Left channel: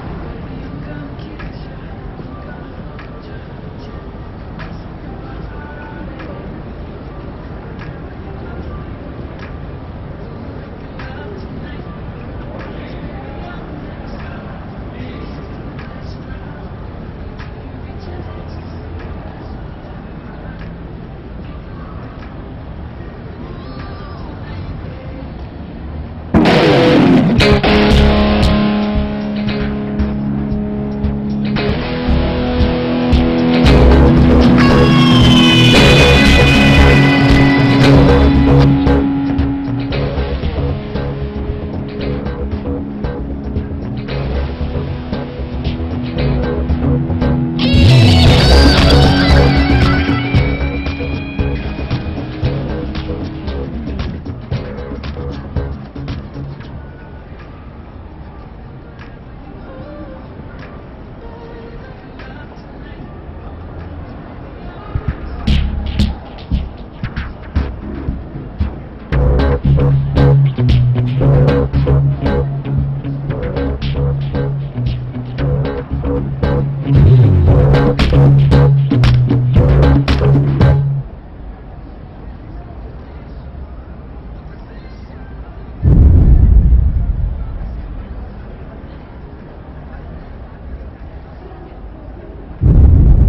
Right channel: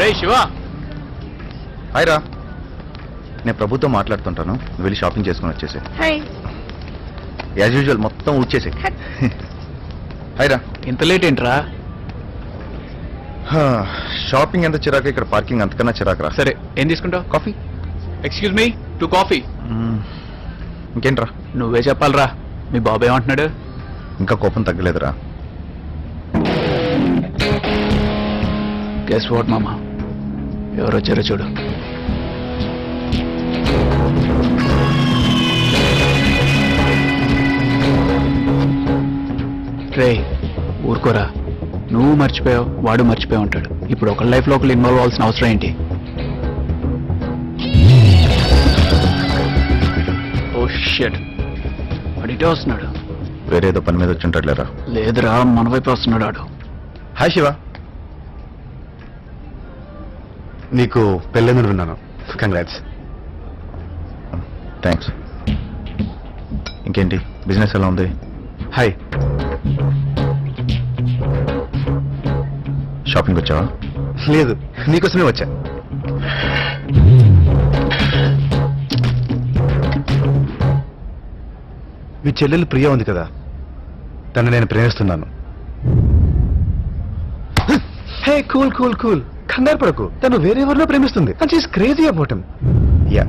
రే Shiva, hi రా. నేను ప్రభుతో మాట్లాడుతుంటాను, వెళ్ళి షాపింగ్ చేసుకుని వచ్చేసి యాజ్ యూజువల్ మొత్తం ఊడ్చేసి. హాయ్ రా. ఇంత లేట్ ఏంట్రా? షాపింగ్ ఎంత చిరాకు, ఇక్కడ పార్కింగ్ అంతకన్నా చిరాకు రా. సరే, ఏం తీసుకుంటావు? కాఫీ. Excuse me, 2 coffee. ఇంకేంట్రా? నువ్వే చెప్పాలరా, మీ బాబు ఏమంటున్నాడు? ఇంకా కోపం తగ్గలేదురా. గెస్ వాట్ మామ, ఎవరు వచ్చారో చూడు. రే ఊరుకోరా, నువ్వు మర్చిపోయావు, వాడు మర్చిపోయి ఉంటాడు. ఇప్పుడు ఒక లైఫ్లో ఒకరు ఇన్వాల్వ్ అవ్వాల్సిన అవసరం ఏంటి? ఓ షిట్, వాడు ఇటే వస్తున్నాడు. వేరే ఏదో పని మీద వచ్చి ఉంటాడు లేదా? లేదురా, మన వైపు వస్తున్నాడు వాడు. హాయ్ శివ. నీకు పెళ్ళెందుకు విన్నాను. కంగ్రాట్స్. థ్యాంక్స్. ఇంకేంటి, బిజినెస్ ఎలా ఉంది? హాయ్. షాపింగ్ వచ్చావా? లేదు, నీకోసమే వచ్చా. మీ చెల్లెలు ప్రియ ఉంది కదా, తను నేను ప్రేమిస్తున్నాను. హే కూల్ కూల్ కూల్, కంగారు పడకు. తను వేరెవరిలో ప్రేమిస్తుంది. And she's crazy about him. Yeah,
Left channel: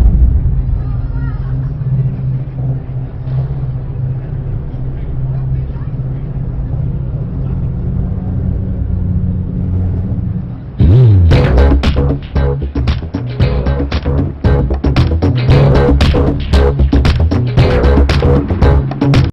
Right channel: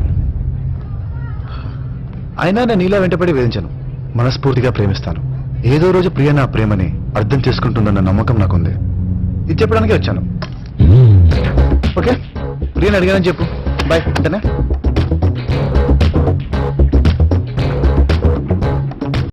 అయినా నేను నీలా వెంటపడి వేధించాను. మనస్ఫూర్తిగా ప్రేమిస్తాను. ఏదో రోజు ప్రియ నా ప్రేమని అర్థం చేసుకుంటుందన్న నమ్మకం నాకుంది. ఇది చెప్పడానికే వచ్చాను. ఓకే, ప్రియని అడిగానని చెప్పు. బాయ్.